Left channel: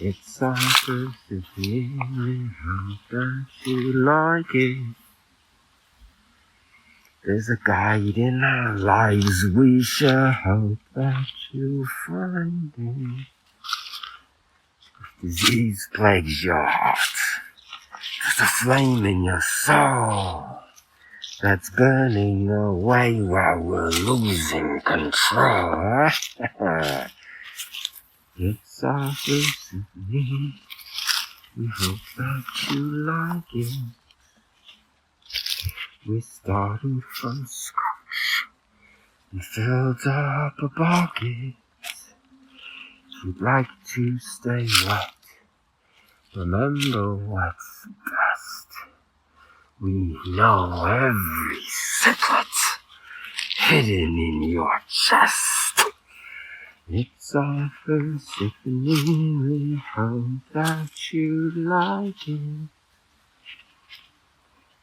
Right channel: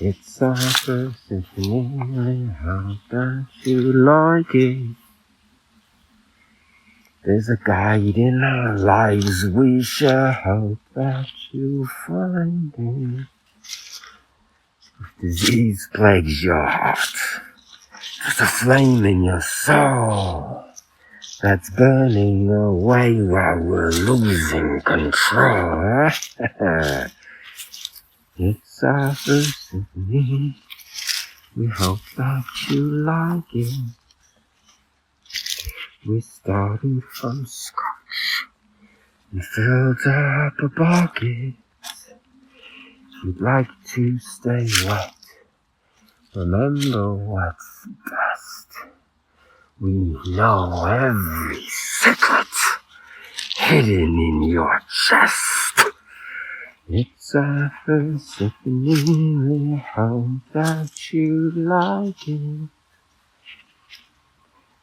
It's our first symphony, how that you like it. There's a guide in our lives, we shall hope that you find it. If disease plagues your heart, there's a flame in your soul that's burning away while we're losing control. It's our first symphony, we hope that you like it. We started from scratch and filled up a bucket. If you'd like to stay wet, remember what's best. We know every secret hidden in your chest. It's our first symphony, we hope that you like it.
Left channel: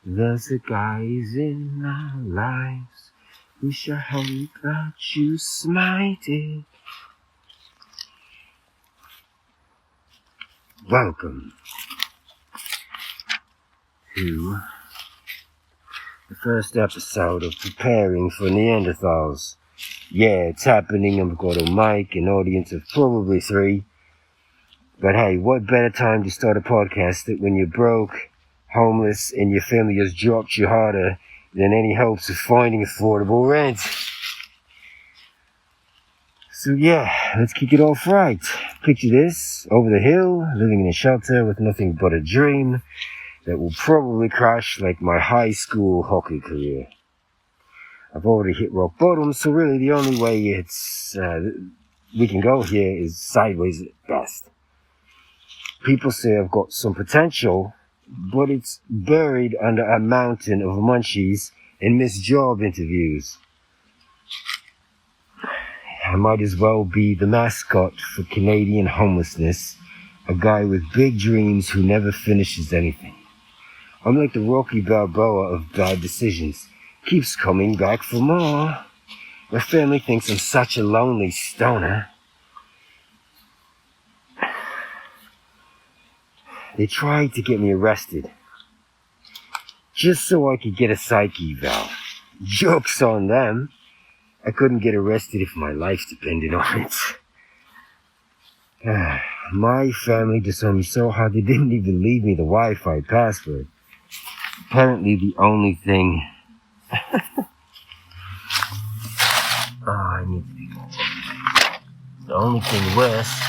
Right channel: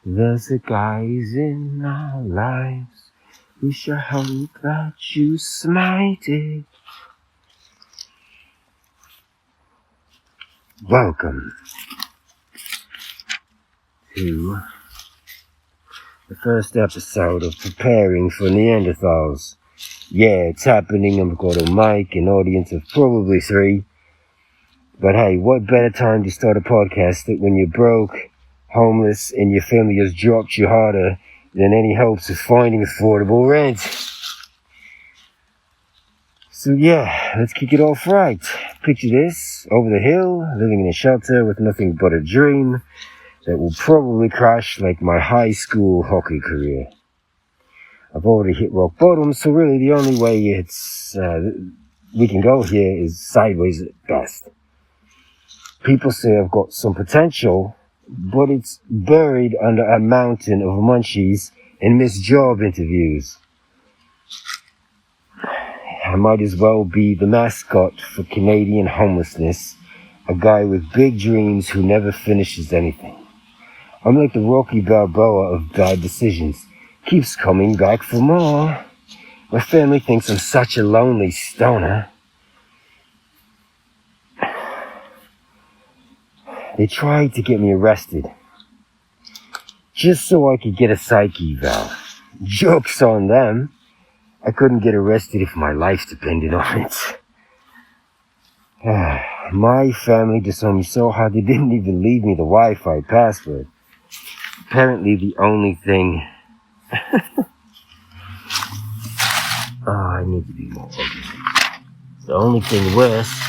There's a guys in our lives, we shall hope that you smite it. Welcome to the first episode of Preparing for Neanderthals. Yeah, it's happening. I've got a mic, an audience of probably 3. But hey, what better time to start a podcast than when you're broke, homeless, and your family has dropped you harder than any hopes of finding affordable rent. So yeah, let's kick it off right. Picture this, over the hill, living in a shelter with nothing but a dream that will probably crash like my high school hockey career. I've already hit rock bottom, so really the only way we can go here is sideways at best. People say I've got some potential, but it's buried under a mountain of munchies and missed job interviews. I might as well be the mascot for Canadian homelessness, a guy with big dreams who never finishes anything. I'm like the Rocky Balboa of bad decisions, keeps coming back for more. My family thinks I'm such a lonely stoner. They tried to get me arrested, just so I could get a psych eval. Joke's on them. I couldn't get arrested if my life depended on it. My family disowned me so hard they didn't even leave me the Wi-Fi password. Apparently the only thing... I need to be more focused. The only thing worse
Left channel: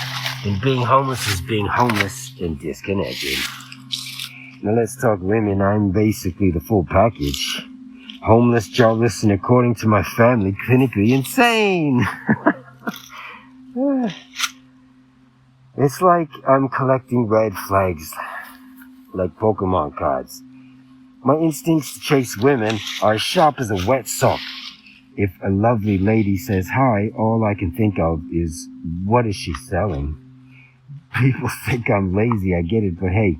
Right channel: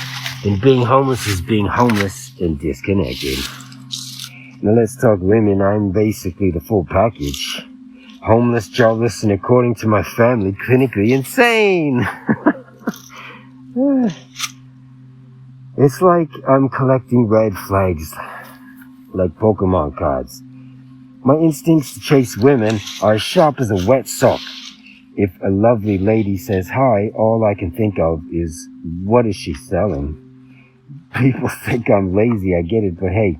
than being homeless is being homeless and disconnected. Now let's talk women. I'm basically the full package. Homeless, jobless, and according to my family, clinically insane. It's like I'm collecting red flags, like Pokemon cards. My instincts to chase women are as sharp as a wet sock. If a lovely lady says hi, all I can think of is, what is she selling? People think I'm lazy, I get it, but hey,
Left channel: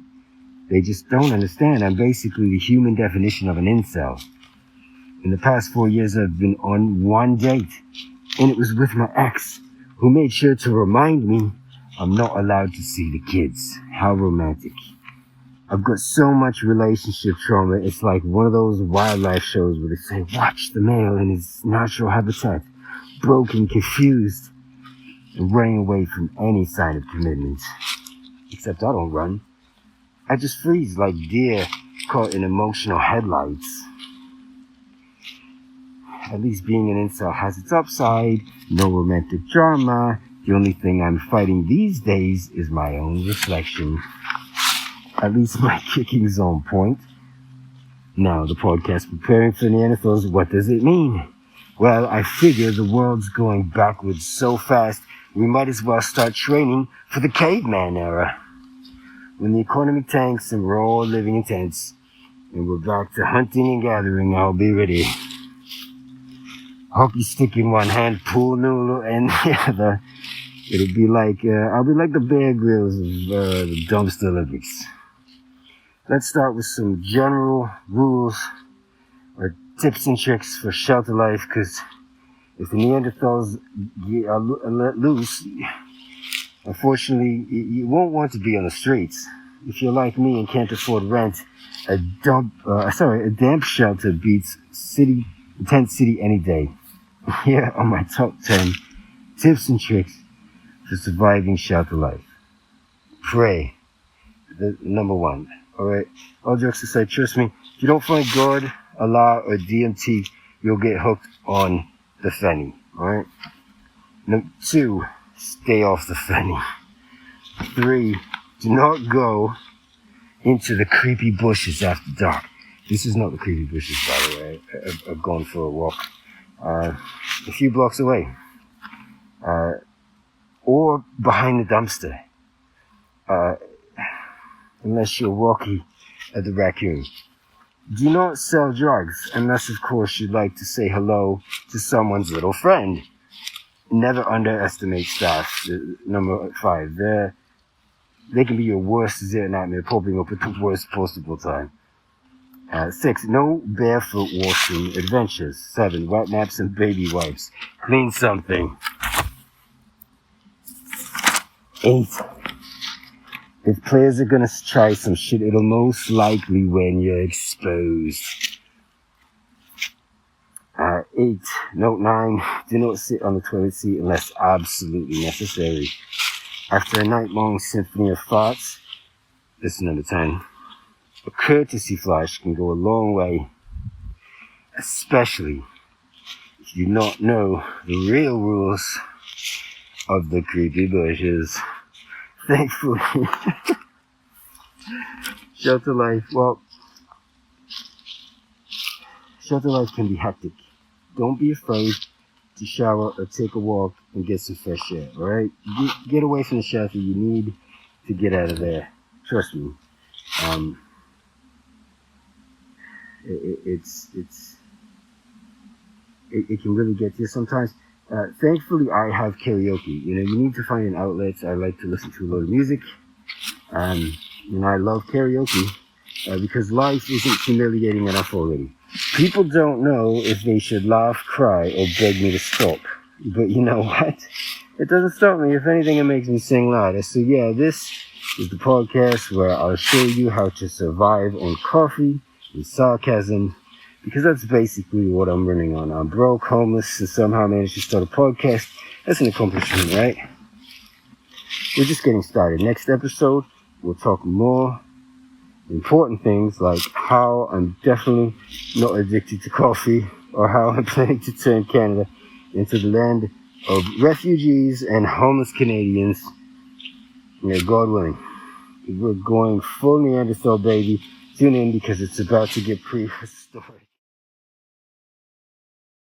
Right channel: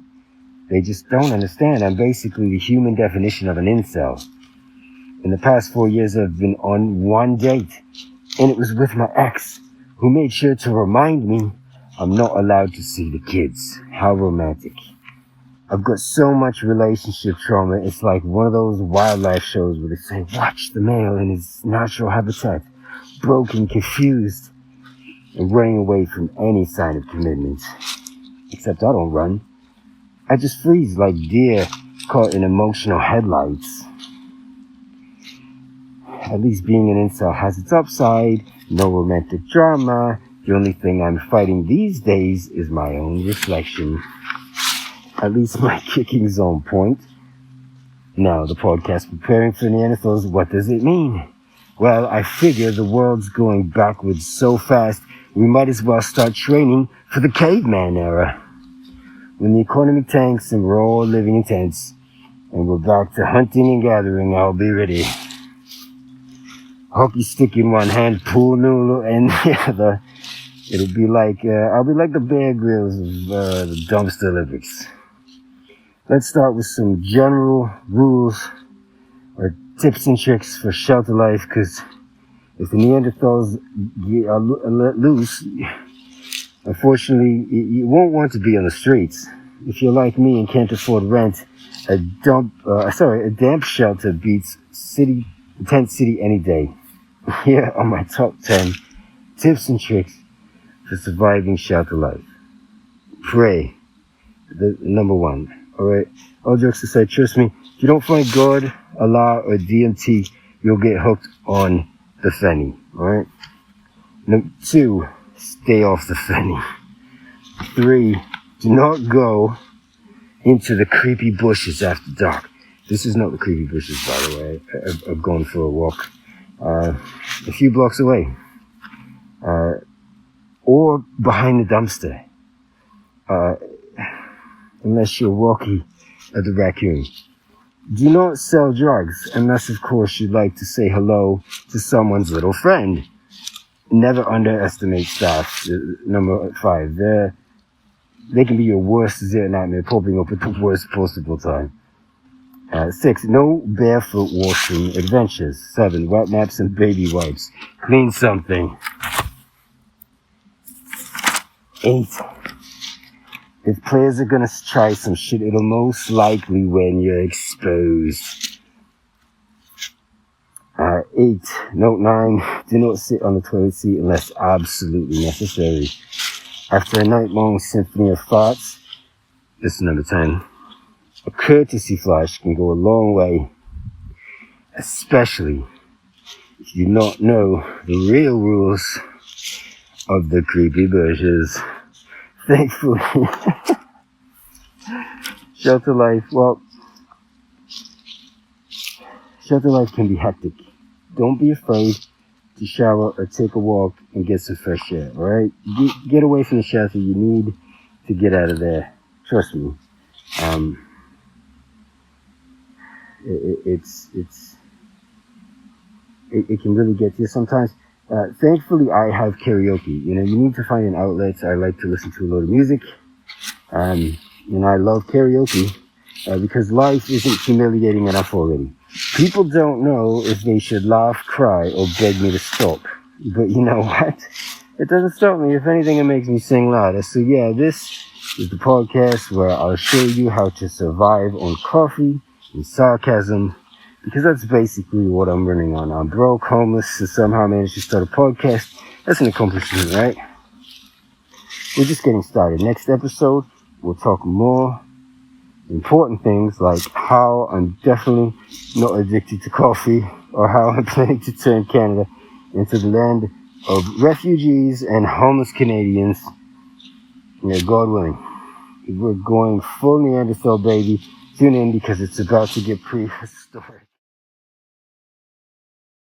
they just don't understand. I'm basically the human definition of an incel. In the past 4 years, I've been on one date, and it was with my ex, who made sure to remind me I'm not allowed to see the kids. How romantic. I've got so much relationship trauma, it's like one of those wildlife shows where they say, watch the male in his natural habitat, broken, confused, and running away from any sign of commitment. Except I don't run. I just freeze like deer caught in emotional headlights. At least being an incel has its upside. No romantic drama. The only thing I'm fighting these days is my own reflection. At least my kicking's on point. Now, the podcast Preparing for Neanderthals, what does it mean? Well, I figure the world's going backwards so fast, we might as well start training for the caveman era. When the economy tanks and we're all living in tents, and we're back to hunting and gathering, I'll be ready. Hockey stick in one hand, pool noodle, and the other. It'll be like, I'll be like the Bear Grylls of the Dumpster Olympics. Let's start with some general rules or tips and tricks for shelter life, because if the Neanderthals are let loose, Unfortunately, you won't want to be on the streets. If you're like me and can't afford rent, a damp shelter beats a tent city any day. Here are my top 10 tips and tricks for surviving shelter life. Pray. The number one. Alright? All jokes aside, trust me, if you don't find God, Allah, or DMT, you'll get hooked on the Fenny. Alright? Number 2, stay off the Fenny. 3, do not go into the creepy bushes after dark. This is not the creepy bushes, by the way. I've gone for a walk a few blocks away. Or behind the dumpster. Unless you're walking at the raccoon. Do not sell drugs unless, of course, you'd like to say hello to someone's little friend. Never underestimate staff. Number 5. They can be your worst dessert nightmare, popping up at the worst possible time. 6. No barefoot washing adventures. 7. Wet mops and baby wipes. Clean something. 8. If players are gonna try some shit, it'll most likely when you're exposed. 8. Note 9. Do not sit on the toilet seat unless absolutely necessary. After a night-long symphony of farts, this is number 10. A courtesy flush can go a long way, especially if you not know the real rules of the creepy bushes. Thankfully, shelter life can be hectic. Don't be afraid to shower or take a walk and get some fresh air, alright? Get away from the shelter. You need to get out of there. Trust me. It can really get to you sometimes. Thankfully, I have karaoke. You need to find an outlet. I like to listen to a lot of music. I love karaoke because life isn't humiliating enough already. People don't know if they should laugh, cry, or beg me to stop. But you know what? It doesn't stop me. If anything, it makes me sing louder. So yeah, this is the podcast where I'll show you how to survive on coffee and sarcasm, because that's basically what I'm running on. I'm broke, homeless, and somehow managed to start a podcast. That's an accomplishment, right? We're just getting started. Next episode, we'll talk more important things like how I'm definitely not addicted to coffee, or how I'm planning to turn Canada into the land of refugees and homeless Canadians. God willing. We're going full Neanderthal, baby. Tune in because it's about to get prehistoric.